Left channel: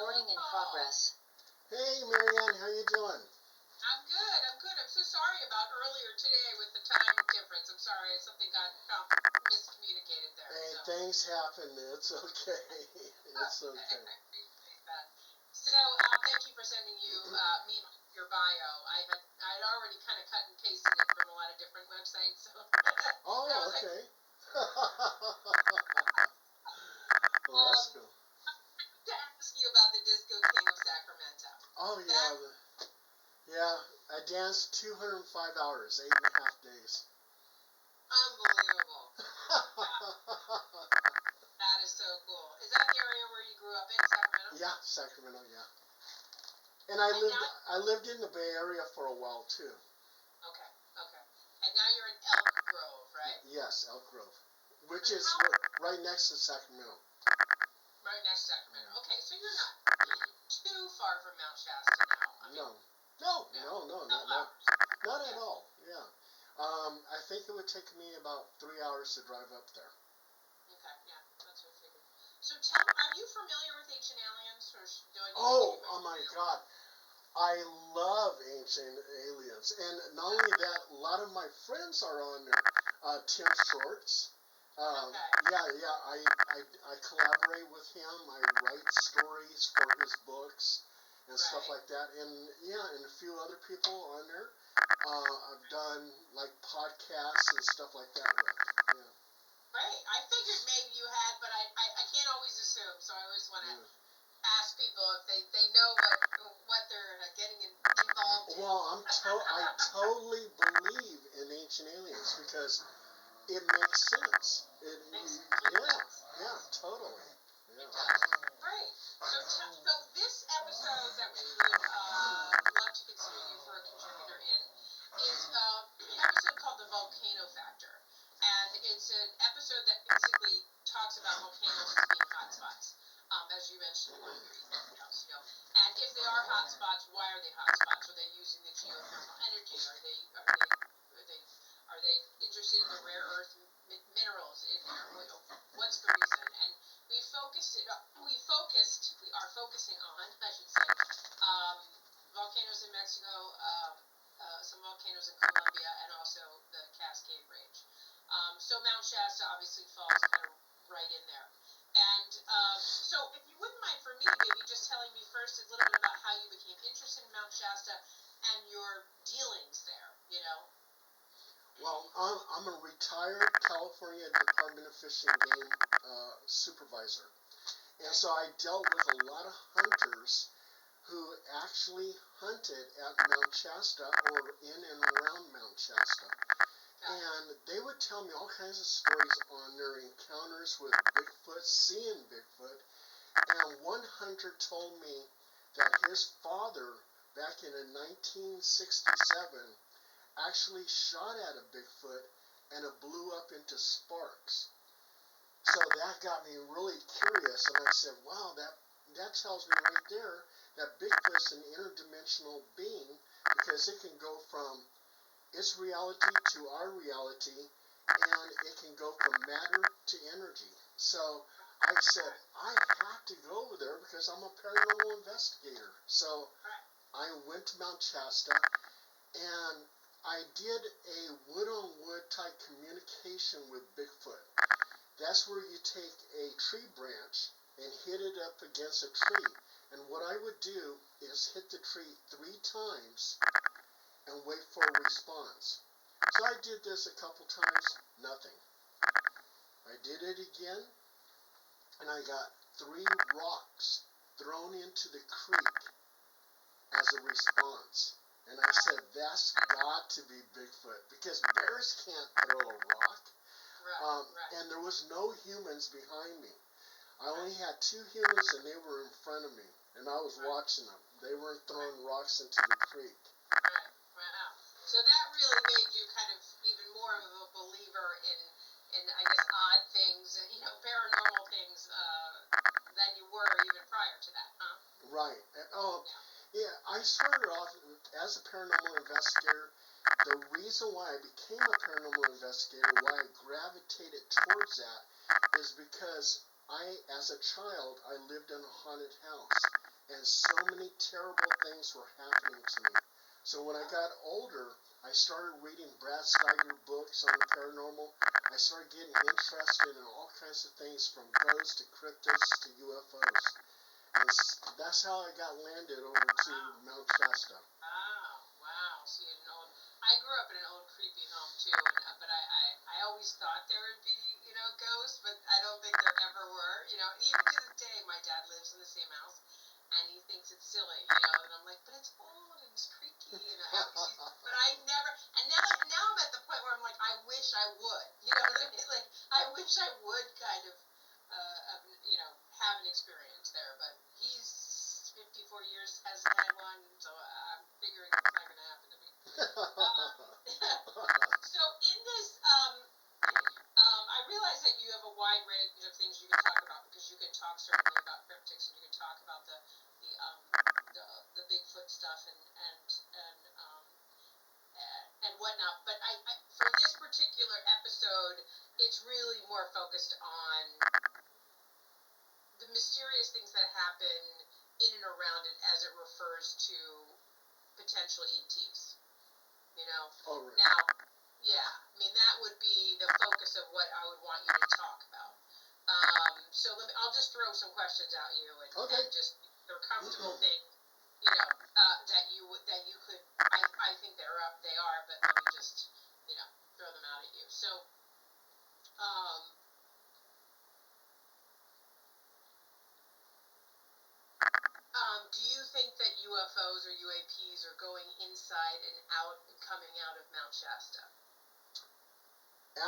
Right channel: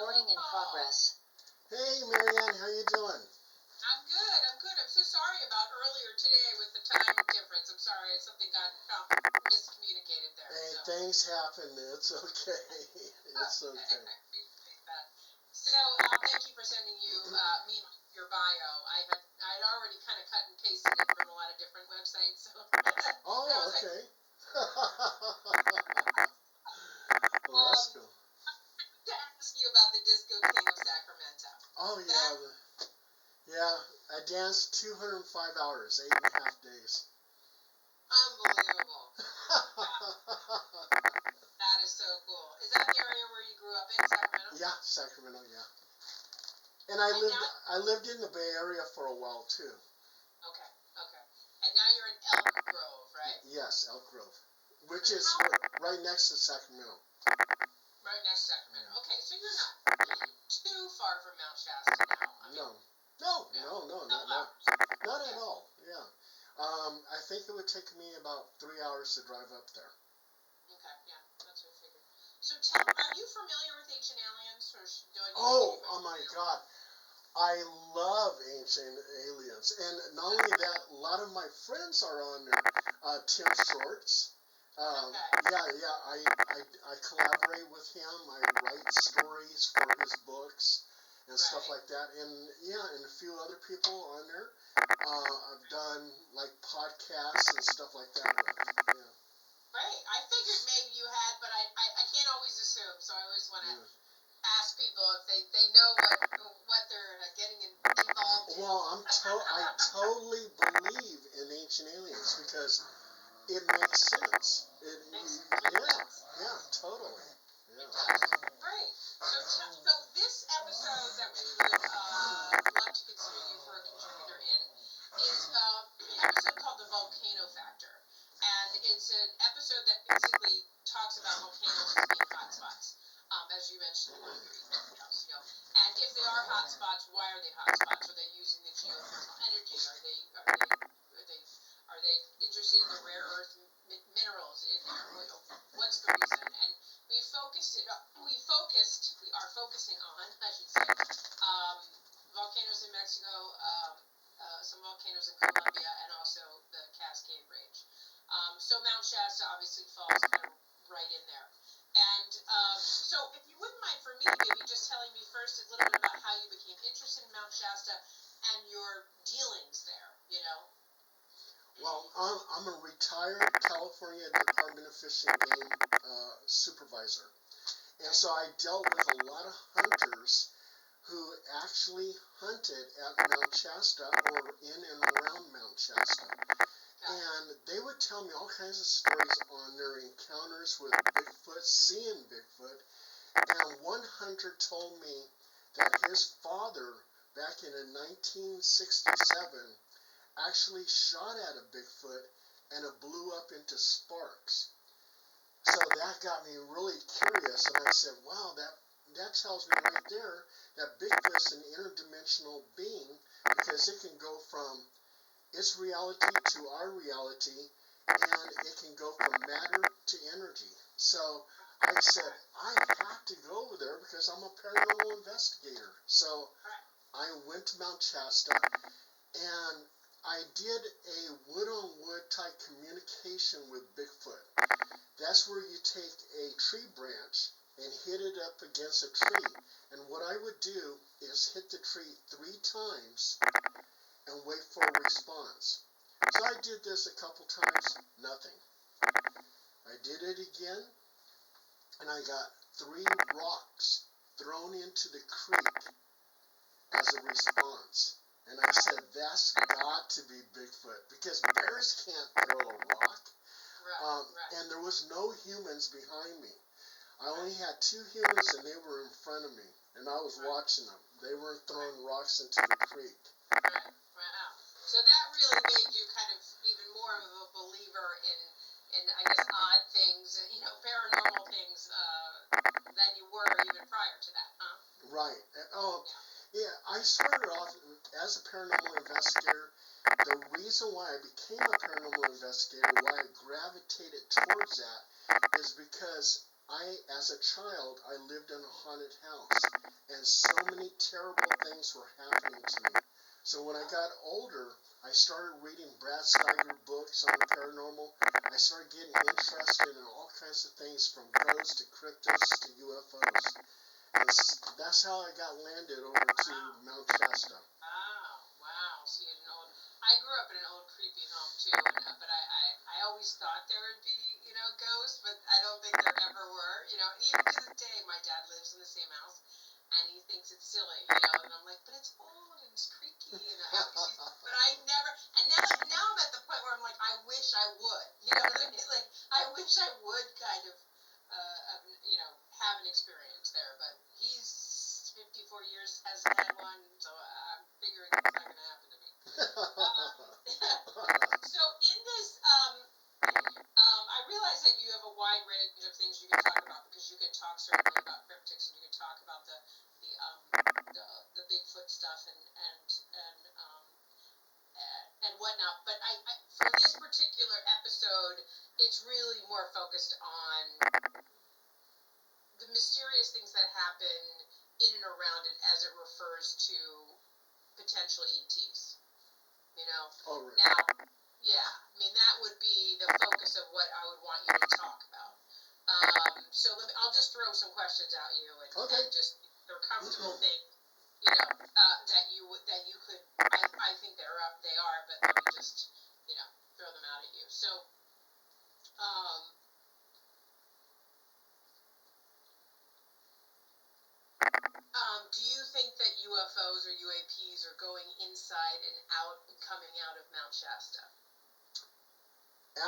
Recording in progress. Hey, Marianne, how you doing? I'm good. I'm so sorry about earlier today with the time difference. I'm sorry. Something got miscommunicated there. Hey, So. things happen. It's okay. It's okay. I appreciate that. So, thank you for sending me your bio. I'd already kind of cut and pasted it from a lot of different websites. So Oh, okay. Well, that's cool. to ask you about the Disco King of Sacramento. Oh, yeah. I danced 205 hours, 8.5 days. Unbelievable. That is so cool. Is that the area where you grew up in, Sacramento? Yeah, Sacramento, yeah. And I lived in the Bay Area for a while too. Okay. And now you're in Elk Grove, right? Yes, Elk Grove, which is right next to Sacramento. Right next to Sacramento. Okay, so you're not too far from Mount Shasta now. No, not at all. Yeah. I think it would take me about 3 hours to drive up there. Okay, yeah, that's what I figured. So are you familiar with Ancient Aliens? Or Oh my God. I love Ancient Aliens. And not only that, a lot of my friends are on there. Tim Shorts. Okay. I collaborate with him. I write stories for his books and stuff like that. And and a few other people on there. I've done like podcasts and stuff like that with. Yeah. Right. I figured maybe you had, but I can't always assume. So I always want to ask people if they know what they're getting involved in. Well, I totally believe in Ancient Aliens because it makes sense. Yeah, totally. Yeah. It does. Great. So this episode that we would love to consider you for a contributor in is an episode called The Volcano Factor. And it's an episode that basically talks about volcanoes as being hotspots. As you mentioned in one of your emails, and if they are hotspots, why are they hotspots? Are they using the geothermal energy? Are they interested in the rare earth minerals in there? What's the reason? And we are focusing on, I should say, volcanoes in Mexico, some volcanoes in Colombia, and also the Cascade Range. So Mount Shasta obviously falls kind of right in there. And so if you wouldn't mind for me, maybe just telling me first a little bit about how you became interested in Mount Shasta and your dealings there, Well, I'm a retired California Department of Fish and Game supervisor. And so I dealt with a lot of hunters who actually hunted at Mount Shasta or in and around Mount Shasta. And they would tell me all kinds of stories on their encounters with Bigfoot, seeing Bigfoot. And one hunter told me that his father, back in 1967, actually shot at a Bigfoot and it blew up into sparks. So that got me really curious, and I said, wow, that tells me right there that Bigfoot's an interdimensional being because it can go from its reality to our reality, and it can go from matter to energy. So I said, I have to go over there because I'm a paranormal investigator. So I went to Mount Shasta, and I did a wood-on-wood type communication with Bigfoot. That's where you take a tree branch and hit it up against a tree. And what I would do is hit the tree 3 times and wait for a response. So I did this a couple times, nothing. I did it again, and I got 3 rocks thrown into the creek as a response. And I said, that's got to be Bigfoot, because bears can't throw a rock. And there was no humans behind me. I only had 2 humans, and they were in front of me, and I was watching them. They weren't throwing rocks into the creek. Right. Wow. So that really made you kind of even more of a believer in I guess, odd things, paranormal things than you were even prior to that, huh? Right. Yeah, I started off as a paranormal investigator. The reason why I became a paranormal investigator, why I gravitated towards that, is because as a child, I lived in a haunted house, and so many terrible things were happening to me. So when I got older, I started reading Brad Steiger books on the paranormal. I started getting interested in all kinds of things from ghosts to cryptids to UFOs. And that's how I got landed over to Mount Shasta. Wow. See, I grew up in an old creepy home too, but I always thought there would be, ghosts, but I don't think there ever were. Even to this day, my dad lives in the same house, and he thinks it's silly, and I'm like, but it's old and it's creaky, but I never, and now I'm at the point where I'm like, I wish I would, you know what I mean? Like, I wish I would kind of, have an experience there, but he's 54 years, hasn't had one, so I'm figuring it's not going to happen to me. So in this, I realize that you have a wide range of things you can talk about, because you can talk certainly about cryptics, and you can talk about the Bigfoot stuff and whatnot. But for this particular episode, it's really more focused on the mysterious things that happen in and around it as it refers to potential ETs. Oh, right. Now, that would be the focus of what I would want you to talk about. So I'll just throw some questions at you, and just they're comfortable things, that you could. I think they are, but let me just throw them out at you. So, do you think that UFOs or UAPs are going inside and out and coming out of Mount Shasta?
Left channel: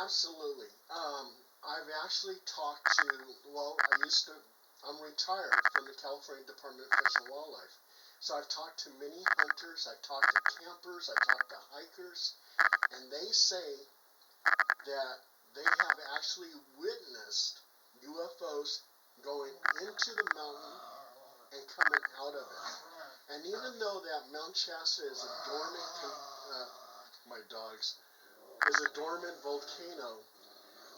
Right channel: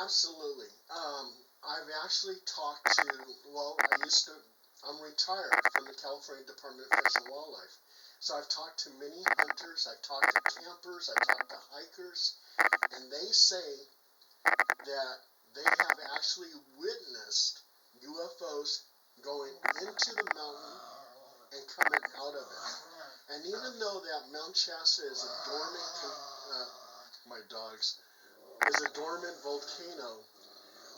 Absolutely. I've actually talked to, I'm retired from the California Department of Fish and Wildlife. So I've talked to many hunters, I've talked to campers, I've talked to hikers, and they say that they have actually witnessed UFOs going into the mountain and coming out of it. And even though that Mount Shasta is a dormant volcano,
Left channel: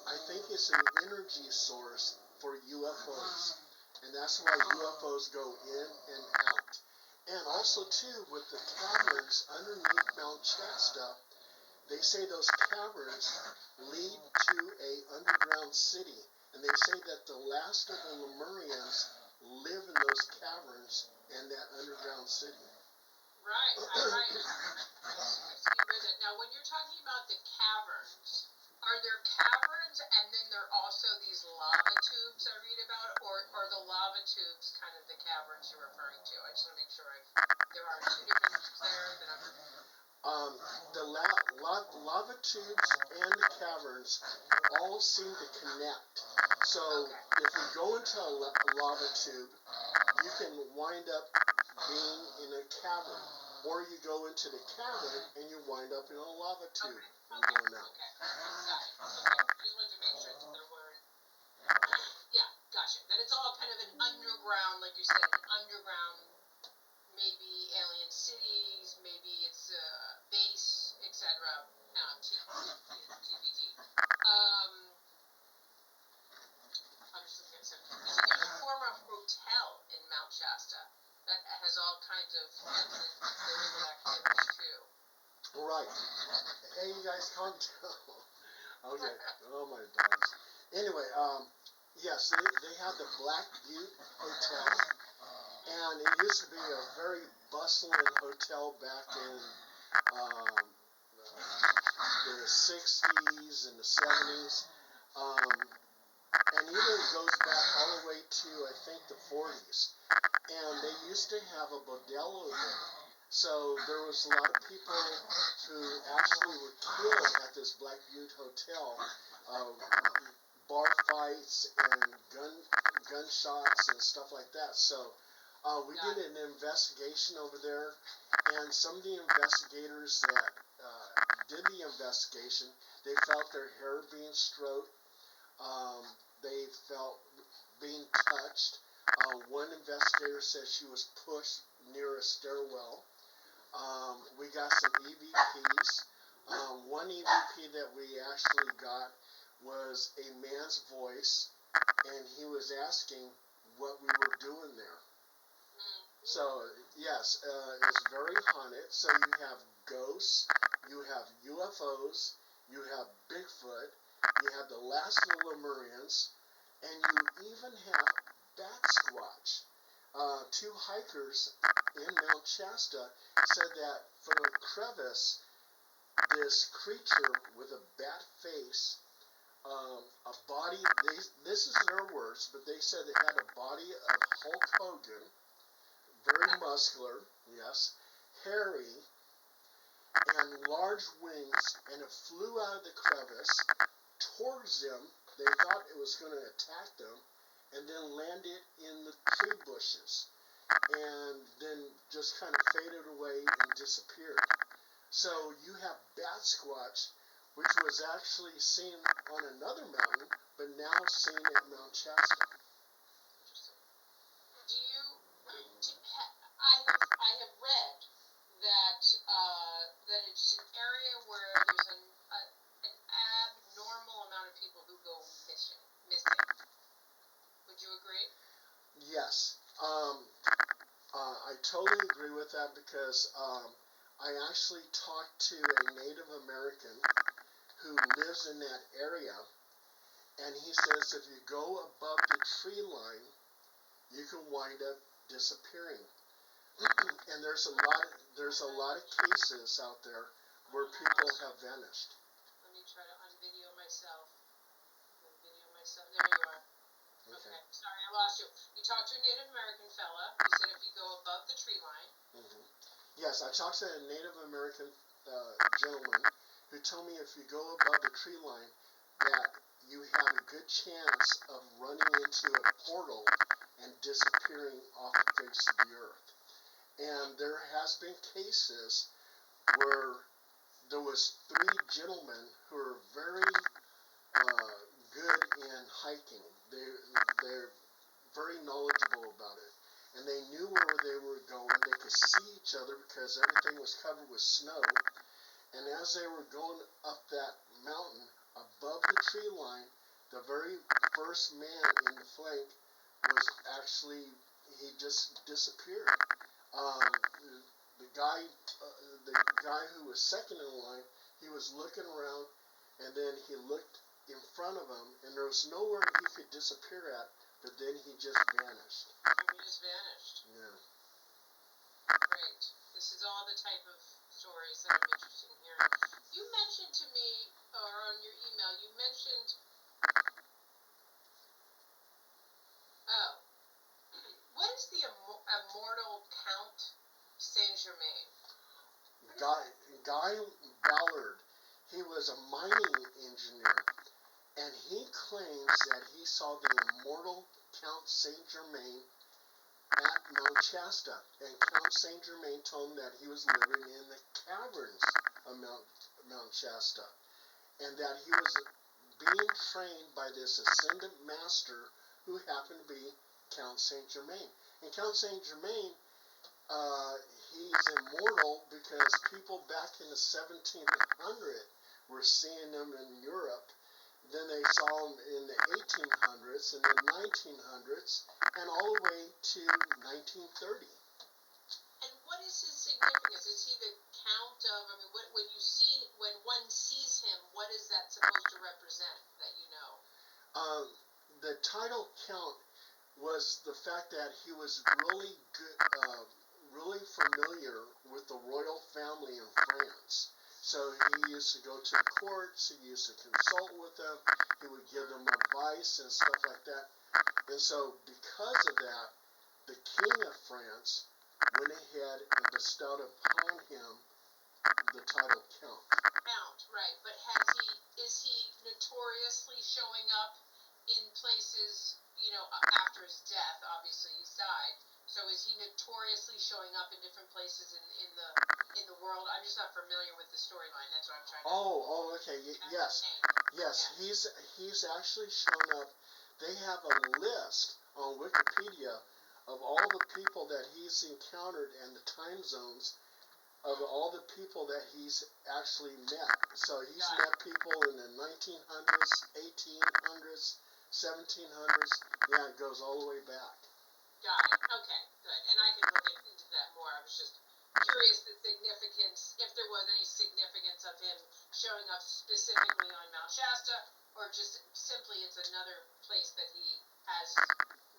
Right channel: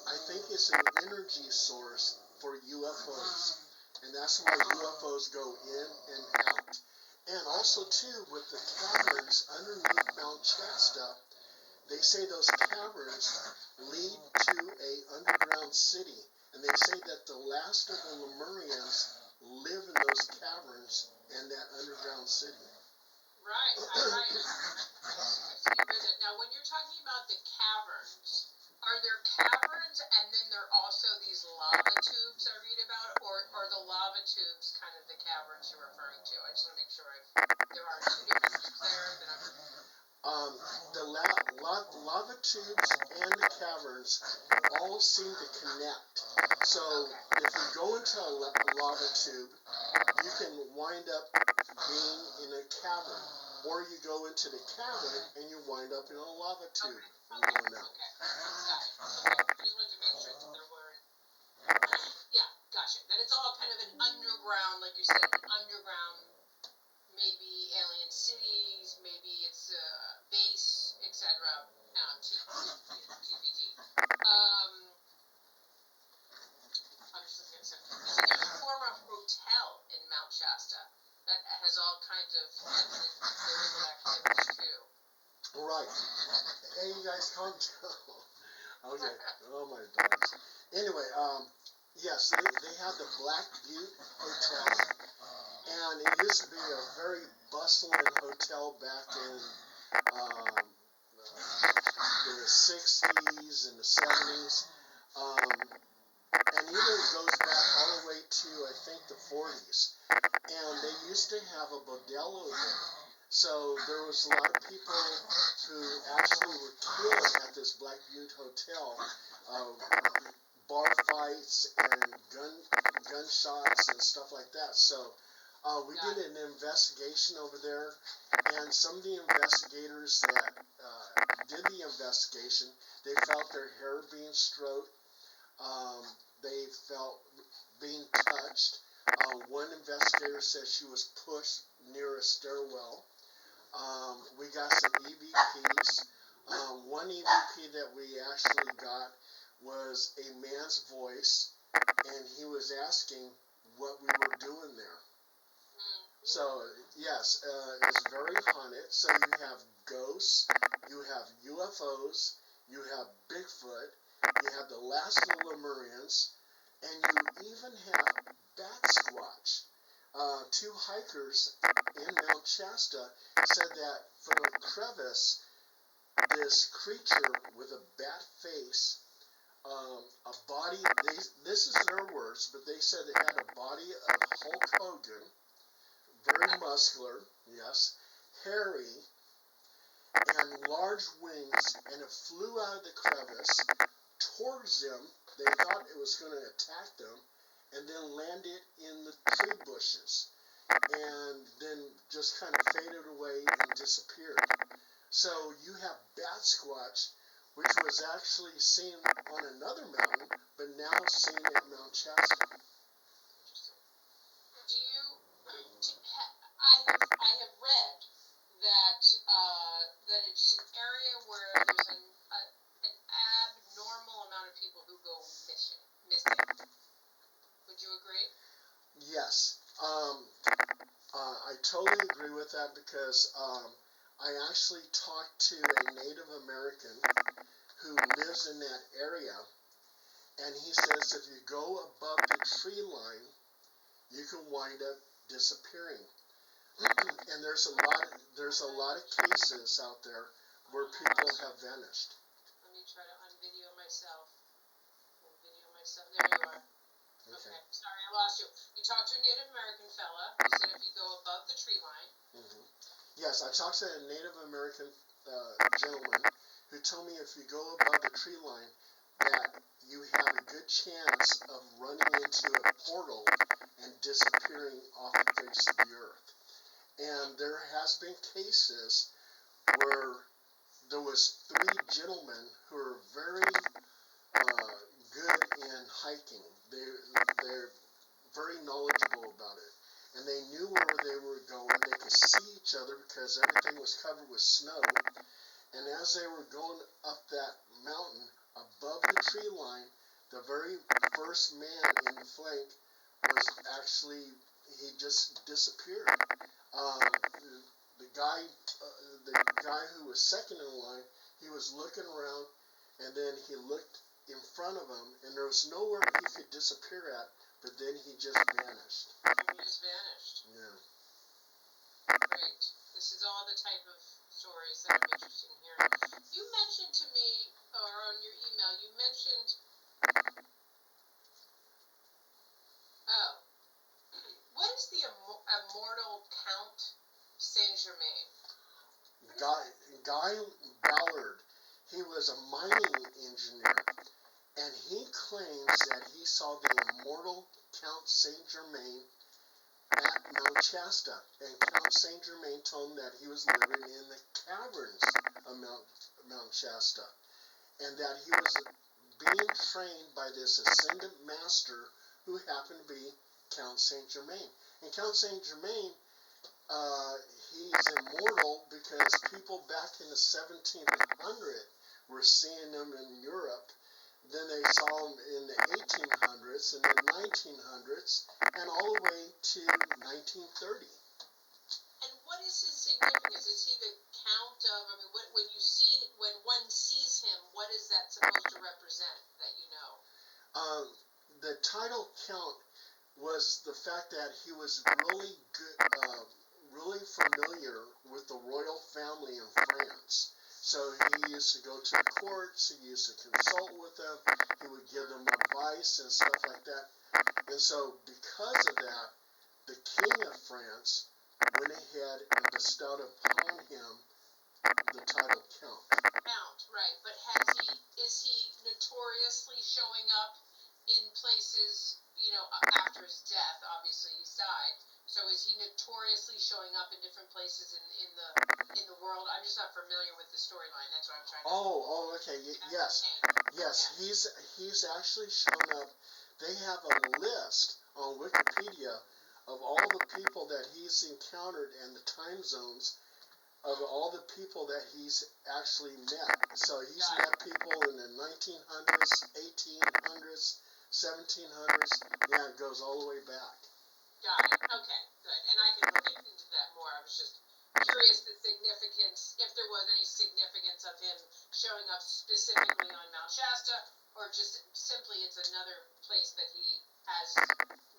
I think it's an energy source for UFOs. And that's why UFOs go in and out. And also, too, with the caverns underneath Mount Shasta, they say those caverns lead to a underground city. And they say that the last of the Lemurians live in those caverns and that underground city. Right. I see you read that. Now, when you're talking about the caverns, are there caverns and then there are also these lava tubes I read about, or are the lava tubes kind of the caverns you're referring to? I just want to make sure there are two different things there that The lava tubes and the caverns all seem to connect. So if you go into a lava tube, you can wind up being in a cavern. Or you go into the cavern and you wind up in a lava tube and going out. Okay. Got it. Okay. I just wanted to make sure that there weren't. Yeah, gotcha. That it's all kind of an underground, like you said, an underground, maybe alien cities, maybe it's a base, etc. TBD. I'm just looking at something. You see, there's a former hotel in Mount Shasta that has all kinds of spiritual activities too. Right. Hey, you guys, calm down. Okay. Oh my dogs. Anyway, yes, they have the Black Butte Hotel, and it used to be a very bustling hotel back in the 60s and the 70s. And even goes back all the way to, I think, the 40s. And they used to have a bordello there. So there was a lot of people who actually were killed at this Black Butte Hotel. Bar fights and gunshots and stuff like that. So we did an investigation over there, and some of the investigators that did the investigation, they felt their hair being stroked. They felt being touched. One investigator said she was pushed near a stairwell. We got some EVPs. One EVP that we actually got was a man's voice, and he was asking what we were doing there. So yes, it's very haunted. So you have ghosts, you have UFOs, you have Bigfoot, you have the last of the Lemurians, and you even have Bat Squatch. Two hikers in Mount Shasta said that from a crevice, this creature with a bat face, a body, this is their words, but they said it had a body of Hulk Hogan, very muscular, yes, hairy, and large wings, and it flew out of the crevice towards them. They thought it was going to attack them, and then landed in the tree bushes, and then just kind of faded away and disappeared. So you have Bat Squatch, which was actually seen on another mountain, but now seen at Mount Shasta. Do you? I have read that that it's an area where there's an abnormal amount of people who go missing. Would you agree? Yes. I totally agree with that because I actually talked to a Native American who lives in that area, and he says if you go above the tree line, you can wind up disappearing. And there's a lot of cases out there where people have vanished. Let me try to unvideo myself. There you are. Okay. Sorry, I lost you. You talked to a Native American fella. You said if you go above the tree line. Yes, I talked to a Native American gentleman who told me if you go above the tree line, that you have a good chance of running into a portal and disappearing off the face of the earth. And there has been cases where there was 3 gentlemen who are very good in hiking. They're very knowledgeable about it. And they knew where they were going. They could see each other because everything was covered with snow. And as they were going up that mountain above the tree line, the very first man in the flank was actually, he just disappeared. The guy who was second in line, he was looking around, and then he looked in front of him, and there was nowhere he could disappear at, but then he just vanished. He just vanished. Yeah. Great. This is all the type of stories that I'm interested in hearing. You mentioned to me, or on your email, you mentioned, what is the immortal Count Saint-Germain? Guy Ballard, he was a mining engineer, and he claims that he saw the immortal Count Saint-Germain at Mount Shasta, and Count Saint-Germain told him that he was living in the caverns of Mount Shasta, and that he was being trained by this ascendant master who happened to be Count Saint-Germain. And Count Saint-Germain, he's immortal because people back in the 1700s were seeing him in Europe. Then they saw him in the 1800s and the 1900s and all the way to 1930. And what is his significance? Is he the count of, I mean, when one sees him, what is that supposed to represent that you know? The title Count was the fact that he was really good, really familiar with the royal family in France. So he used to go to the courts, he used to consult with them, he would give them advice and stuff like that. And so because of that, the King of France went ahead and bestowed upon him the title Count. Count, right. But is he notoriously showing up in places, after his death? Obviously he's died. So is he notoriously showing up in different places in the world? I'm just not familiar with the storyline. That's what I'm trying to. Oh, okay. Yes. He's actually shown up. They have a list on Wikipedia of all the people that he's encountered and the time zones of all the people that he's actually met. So he's met people in the 1900s, 1800s, 1700s. Yeah, it goes all the way back. Got it. Okay, good. And I can look into that more. I was just curious the significance, if there was any significance of him showing up specifically on Mount Shasta, or just simply it's another place that he is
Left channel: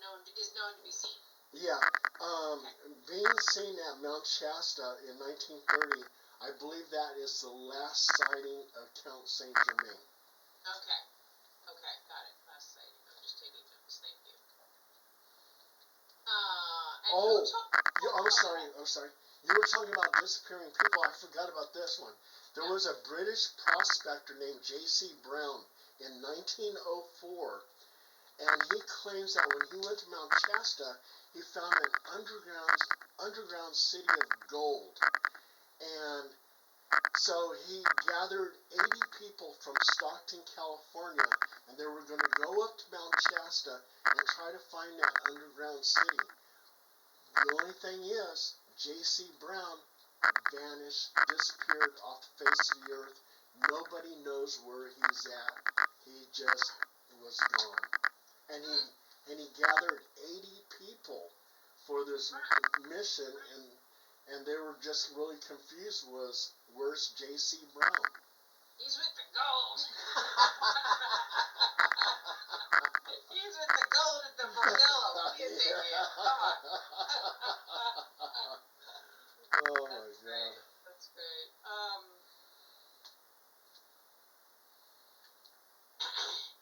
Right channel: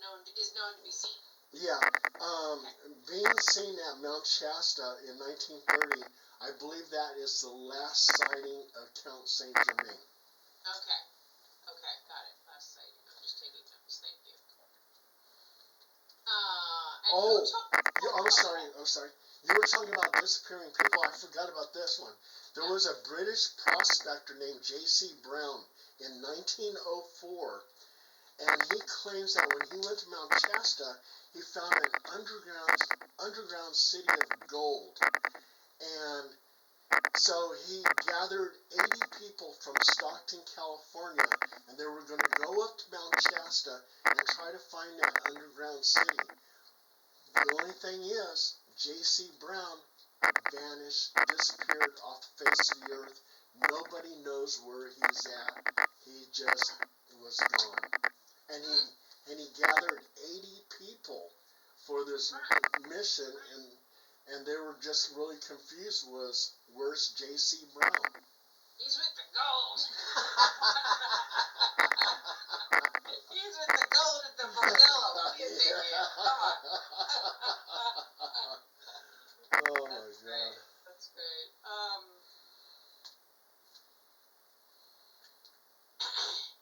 known to be seen. Yeah, Okay. being seen at Mount Shasta in 1930, I believe that is the last sighting of Count Saint Germain. Okay. Okay, got it. Last sighting. I'm just taking notes. Thank you. And Oh, who told? I'm sorry. You were talking about disappearing people. I forgot about this one. There was a British prospector named J.C. Brown in 1904, and he claims that when he went to Mount Shasta, he found an underground city of gold. And so he gathered 80 people from Stockton, California, and they were going to go up to Mount Shasta and try to find that underground city. The only thing is, J.C. Brown vanished, disappeared off the face of the earth. Nobody knows where he's at. He just was gone. And he gathered 80 people for this mission, and they were just really confused. Where's J.C. Brown? He's with the gold. He's with the gold at the bordello. What do you think, man? Come on. Oh my That's God. great. That's great.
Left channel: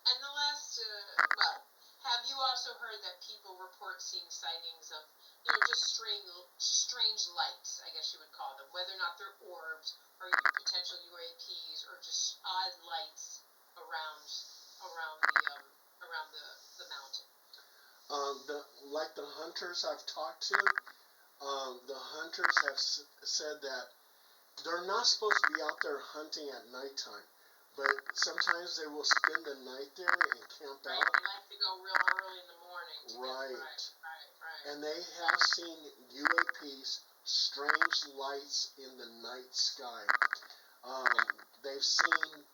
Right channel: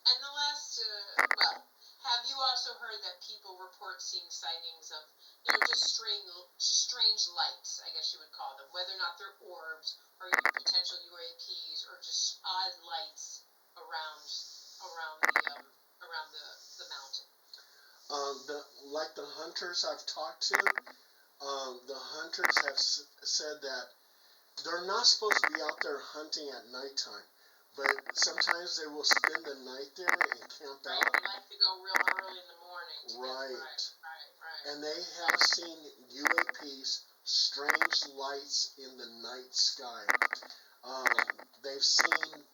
And the last, have you also heard that people report seeing sightings of, just strange lights, I guess you would call them, whether or not they're orbs or potential UAPs or just odd lights around the mountain? Like the hunters I've talked to, the hunters have said that they're not supposed to be out there hunting at nighttime, but sometimes they will spend the night there and camp Right, out. they like to go real early in the morning. Right. Right. And they have seen UAPs, strange lights in the night sky. They've seen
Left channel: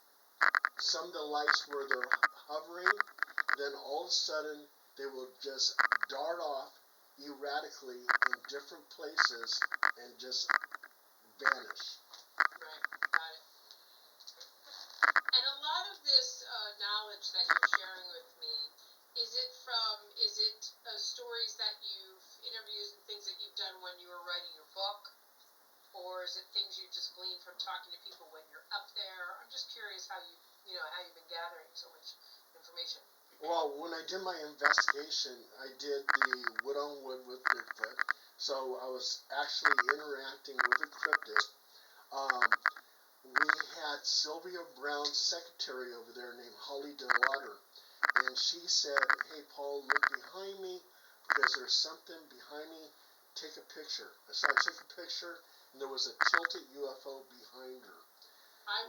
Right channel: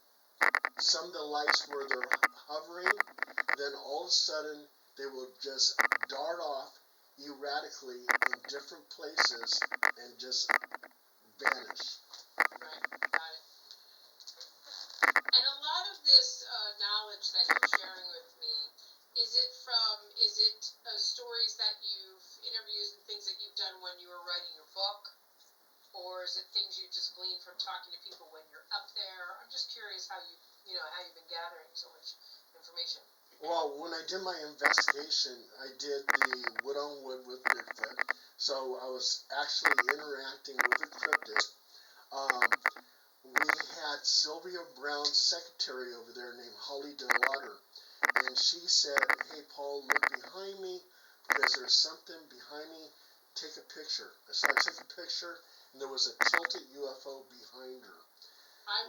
some of the lights where they're hovering, then all of a sudden they will just dart off erratically in different places and just vanish. Right, got it. And a lot of this knowledge that you're sharing with me, is it stories that interviews and things that you've done when you were writing your book? Or is it things you just glean from talking to people when you're up there? I'm just curious how you've been gathering so much information. Well, when I did my investigation, I did the wood on wood with Bigfoot, so I was actually interacting with a cryptid. We had Sylvia Brown's secretary over there named Holly DeWater, and she said, "Hey, Paul, look behind me because there's something behind me. Take a picture." So I took a picture, and there was a tilted UFO behind her. I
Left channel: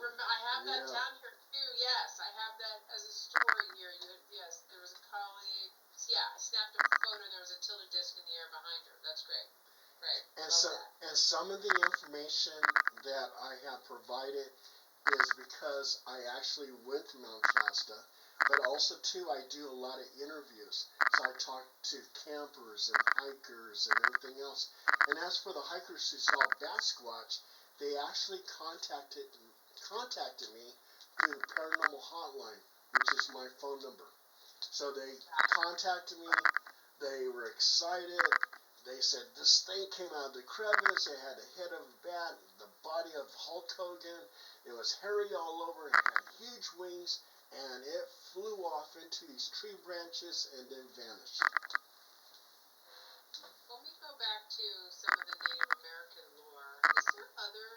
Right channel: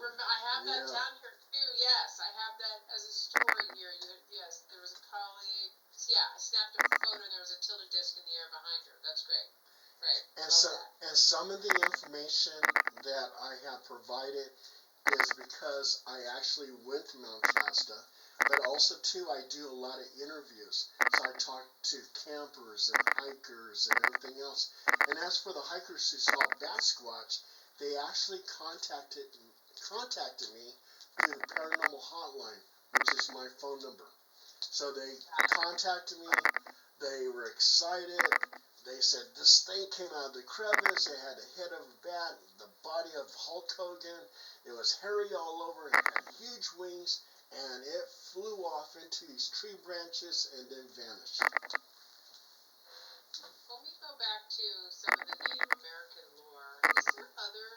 have that down here too. Yes, I have that as a story here. Yes, there was a colleague. Yeah, I snapped a photo. And there was a tilted disc in the air behind her. That's great. Right. And some of the information that I have provided is because I actually went to Mount Shasta, but also too I do a lot of interviews. So I talk to campers and hikers and everything else. And as for the hikers who saw Basquatch, they actually contacted me through the paranormal hotline, which is my phone number. So they contacted me. They were excited. They said this thing came out of the crevice. It had the head of a bat, the body of Hulk Hogan. It was hairy all over. It had huge wings, and it flew off into these tree branches and then vanished. When we go back to some of the Native American lore, is there other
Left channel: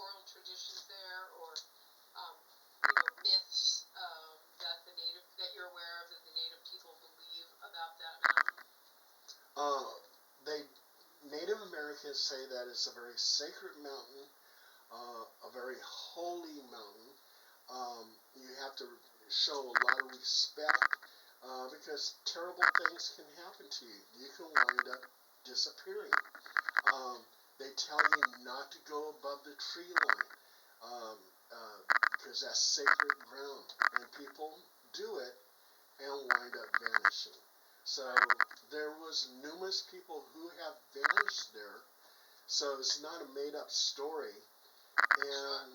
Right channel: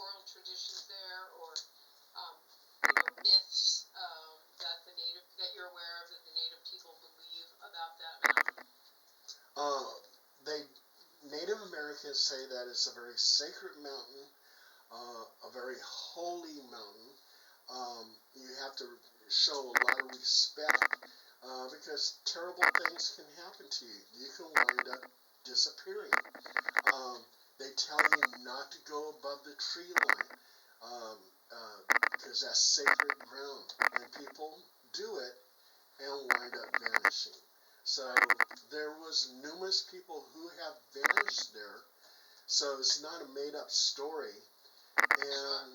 oral traditions there, or myths that you're aware of that the Native people believe about that mountain? Native Americans say that it's a very sacred mountain, a very holy mountain. You have to show a lot of respect because terrible things can happen to you. You can wind up disappearing. They tell you not to go above the tree line because that's sacred ground, and people do it, and wind up vanishing. So there was numerous people who have vanished there. So it's not a made up story. And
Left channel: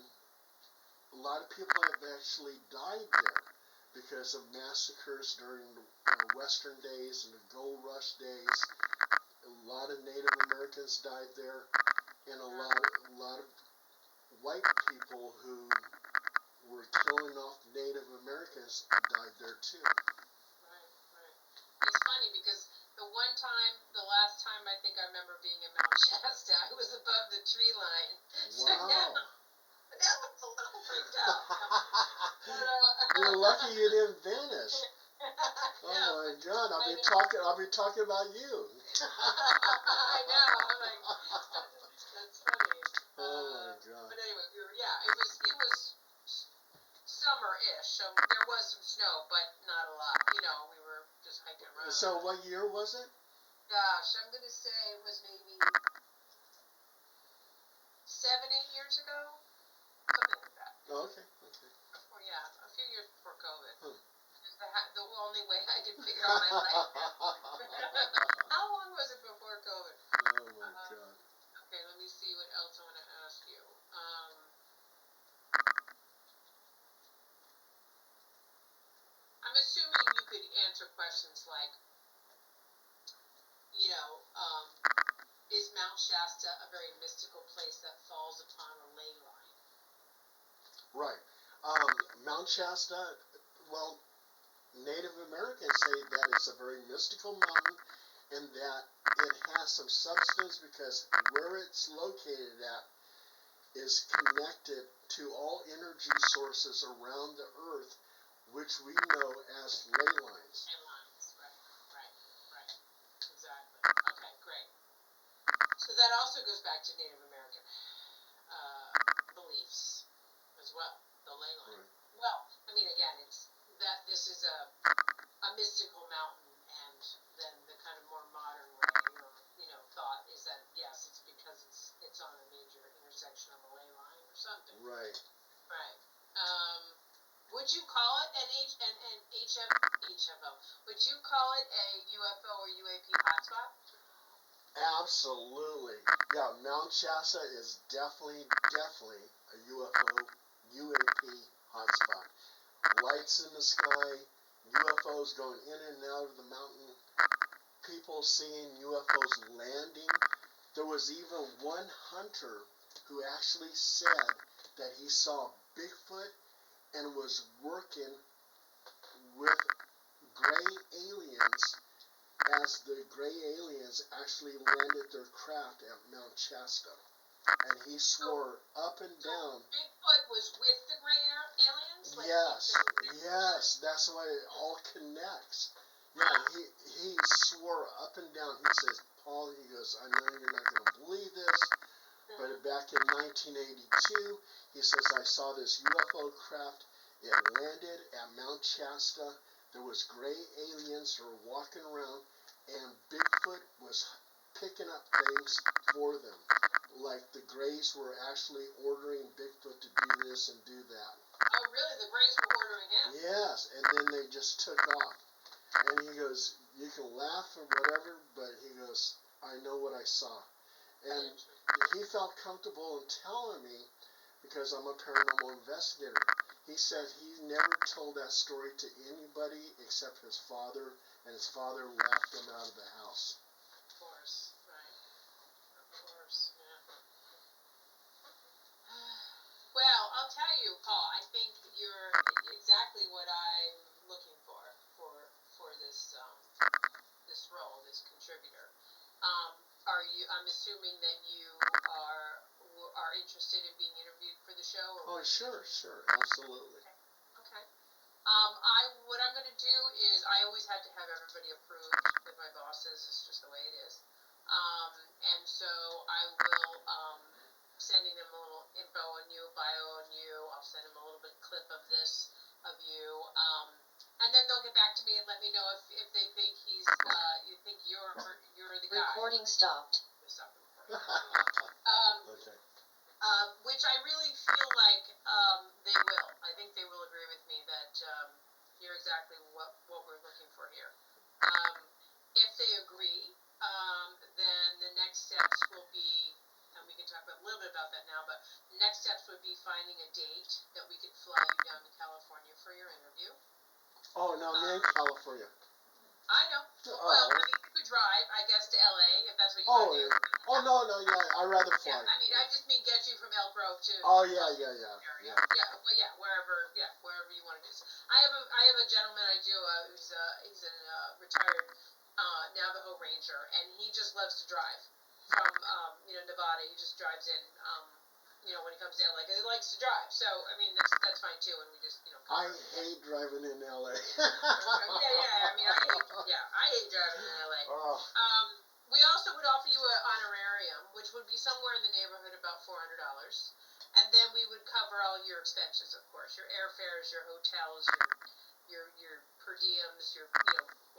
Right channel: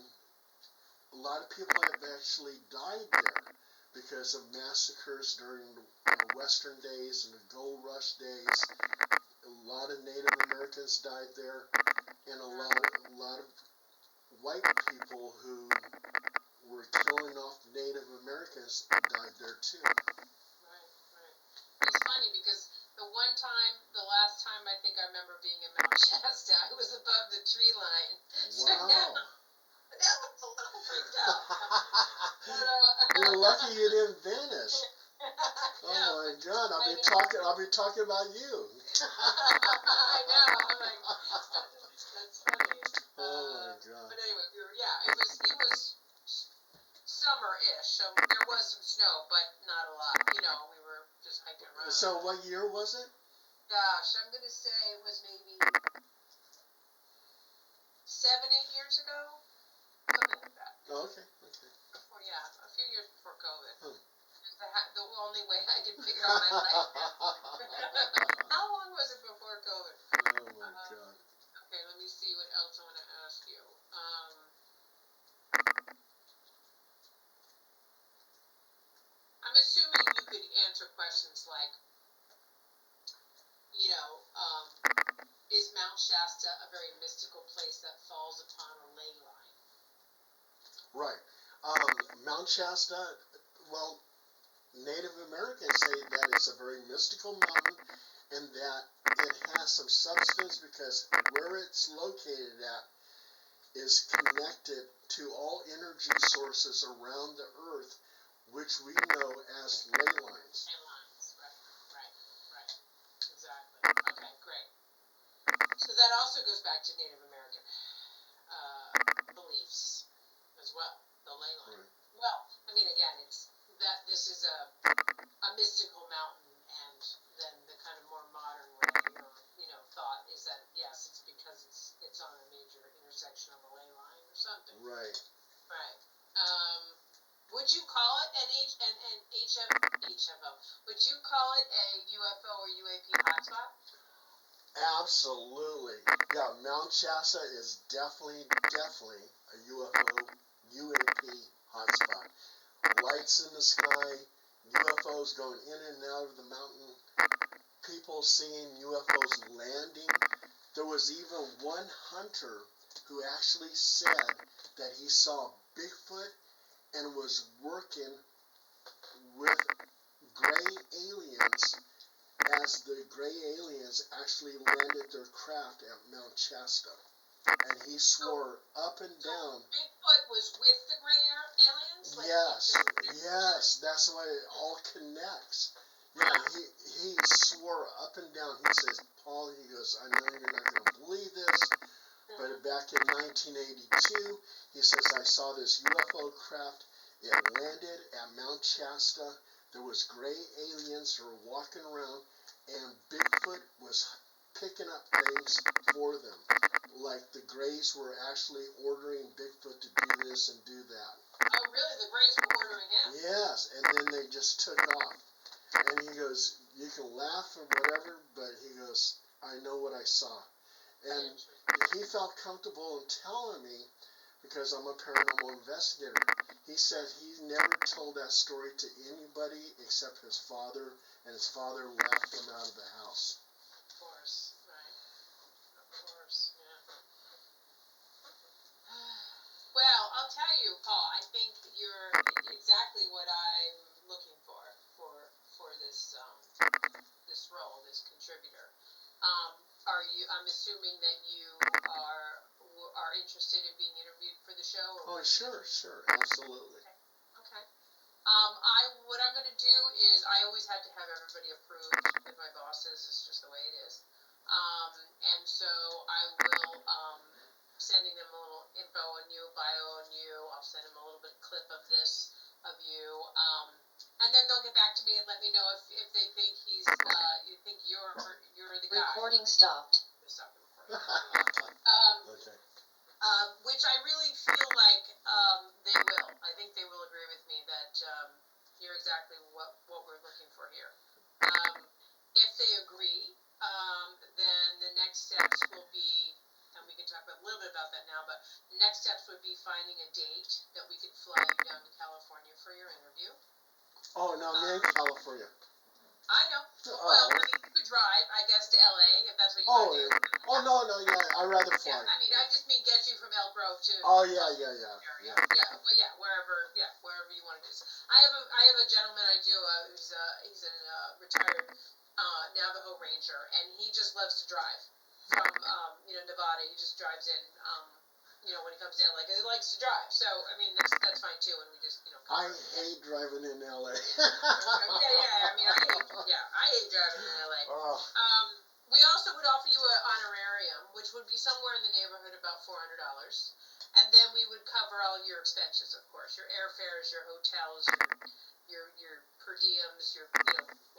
a lot of people have actually died there because of massacres during the Western days and the gold rush days. A lot of Native Americans died there, and a lot of white people who were killing off Native Americans died there too. Right, right. It's funny because the last time I think I remember being in Mount Shasta, I was above the tree line. So Wow. now I'm a little freaked out. You're lucky you didn't vanish. Oh Yeah. my God! I'll be talking about you. I know. I'm like, that's funny. Oh my God! But anyway, it was summer-ish, so there was some snow, but not a lot. You know, we were just hiking around. So what year was it? Gosh, I'm gonna say it was maybe 7-8 years ago, something like that. Oh, okay. Okay. Before, yeah, a few years before COVID. Hmm. The only way I can figure out my life. How long was it before COVID? Oh my God. Okay, let me see what else I want to ask you. I'm assuming you could answer questions like, you know, is Mount Shasta a very mystical place that falls upon a ley line? Right. Mount Shasta. Well, Native Americans say that it's a very mystical mountain, and that it has some substance because where it's located at is connected to all energy sources around the earth, which we know as ley lines. Ley lines, right. Exactly. Okay, great. So that also goes back to Native American beliefs as well, the ley line. Right. Well, I mean, again, it's that this is a mystical mountain, and then the kind of more modern way, or thought is that yes, it's because it's on a major intersection of a ley line or something. Right. Right. Would you call it an HFO? Would you call it a UFO or UAP hotspot? Absolutely. Yeah, Mount Shasta is definitely a UFO, UAP hotspot. Lights in the sky, UFOs going in and out of the mountain, people seeing UFOs landing. There was even one hunter who actually said that he saw Bigfoot and was working with gray aliens as the gray aliens actually landed their craft at Mount Shasta. And he swore up and down. Bigfoot was with the gray aliens? Yes, that's why it all connects. Yeah, he swore up and down. He says, Paul, he goes, I know you're not going to believe this, but back in 1982, he says, I saw this UFO craft. It landed at Mount Shasta. There was gray aliens who were walking around, and Bigfoot was picking up things for them. Like the Greys were actually ordering Bigfoot to do this and do that. Oh, really? The Greys were ordering him? Yes, and then they just took off. And he goes, you can laugh or whatever, but he goes, I know what I saw. And he felt comfortable in telling me, because I'm a paranormal investigator. He said he never told that story to anybody except his father, and his father laughed him out of the house. Of course, right. Of course, yeah. Well, I'll tell you, Paul, I think you're exactly what I'm looking for this role, this contributor. I'm assuming that you are interested in being interviewed for the show? Or sure, absolutely. Okay. What I'm going to do is I always have to have everybody approved with my bosses. It's just the way it is. And so I will sending them a little info on you, bio on you. I'll send them a little bit clip of this of you. And then they'll get back to me and let me know if they think you think you're the guy. Recording stopped. Stop the recording. Okay. Which I really feel like they will. I think they will agree with me that You're exactly what we're looking for here. If they agree, then the next steps will be, and we can talk a little bit about that now, but the next steps would be finding a date that we could fly you down to California for your interview. Oh, no, I'm in California. I know. Well, I mean, you could drive, I guess, to LA if that's what you want to do. Oh, no, yeah, I'd rather fly. Yeah, I mean, I just mean get you from Elk Grove to. Oh, yeah. Wherever you want to do. I have a gentleman I do. He's a retired Navajo Ranger, and he just loves to drive from Nevada. He just drives in. When he comes to LA, because he likes to drive. So I mean, that's fine too. And we just I hate driving in LA. I mean, I hate driving in LA. Oh. We also would offer you an honorarium, which would be somewhere in the neighborhood about $400, and then we would cover all your expenses, of course, your airfares, your hotels, your per diems, your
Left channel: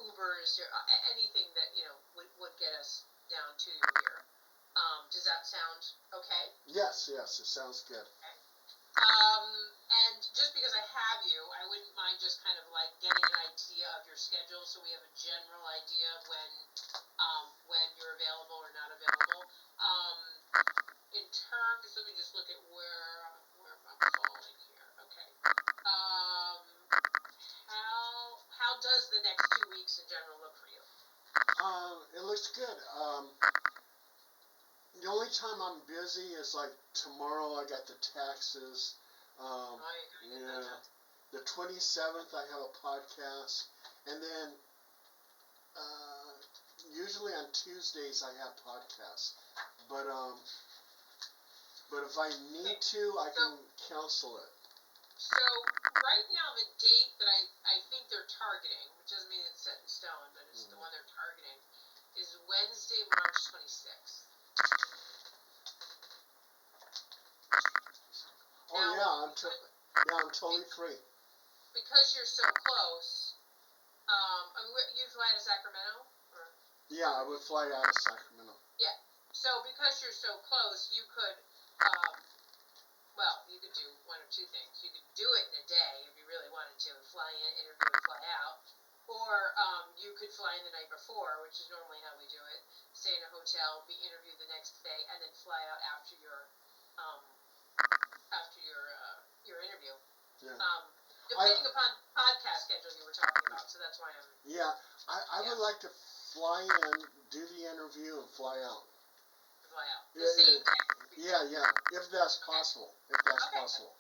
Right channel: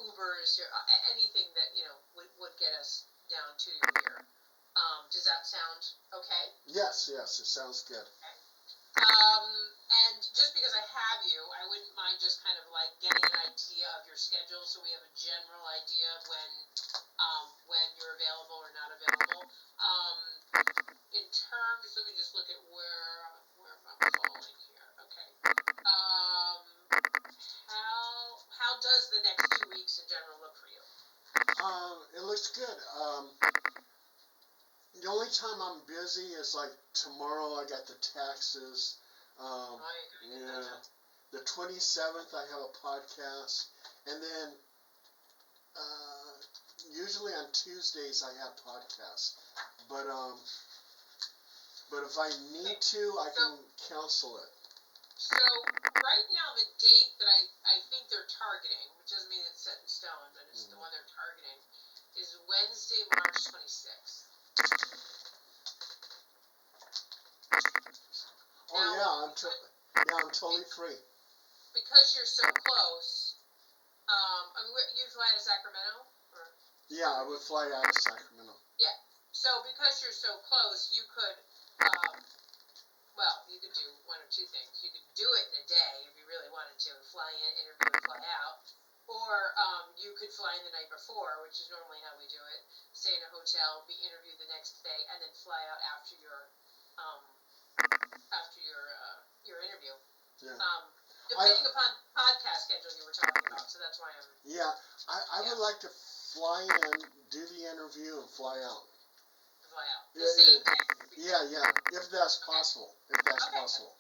Ubers, your anything that would get us down to here. Does that sound okay? Yes, it sounds good. Okay. And just because I have you, I wouldn't mind just kind of like getting an idea of your schedule, so we have a general idea of when you're available or not available. In terms, let me just look at where am I falling here? Okay. How does the next 2 weeks in general look for you? It looks good. The only time I'm busy is like tomorrow. I got the taxes. The 27th I have a podcast, and then usually on Tuesdays I have podcasts. But if I need to, I can cancel it. So right now the date that I think they're targeting, which doesn't mean it's set in stone, but it's the one they're targeting, is Wednesday, March 26th. Oh now, I'm totally free. Because you're so close, you fly to Sacramento? Or? Yeah, I would fly out of Sacramento. Yeah, so because you're so close, you could, you could do one of two things. You could do it in a day if you really wanted to, fly in, interview, and fly out. Or you could fly in the night before, which is normally how we do it, stay in a hotel, be interviewed the next day, and then fly out after your interview. Yeah. Depending upon podcast schedule you were talking about, so that's why I'm. Yeah, I would like to fly in, do the interview, and fly out. Fly out. The same day. Yeah, if that's possible. If that's possible.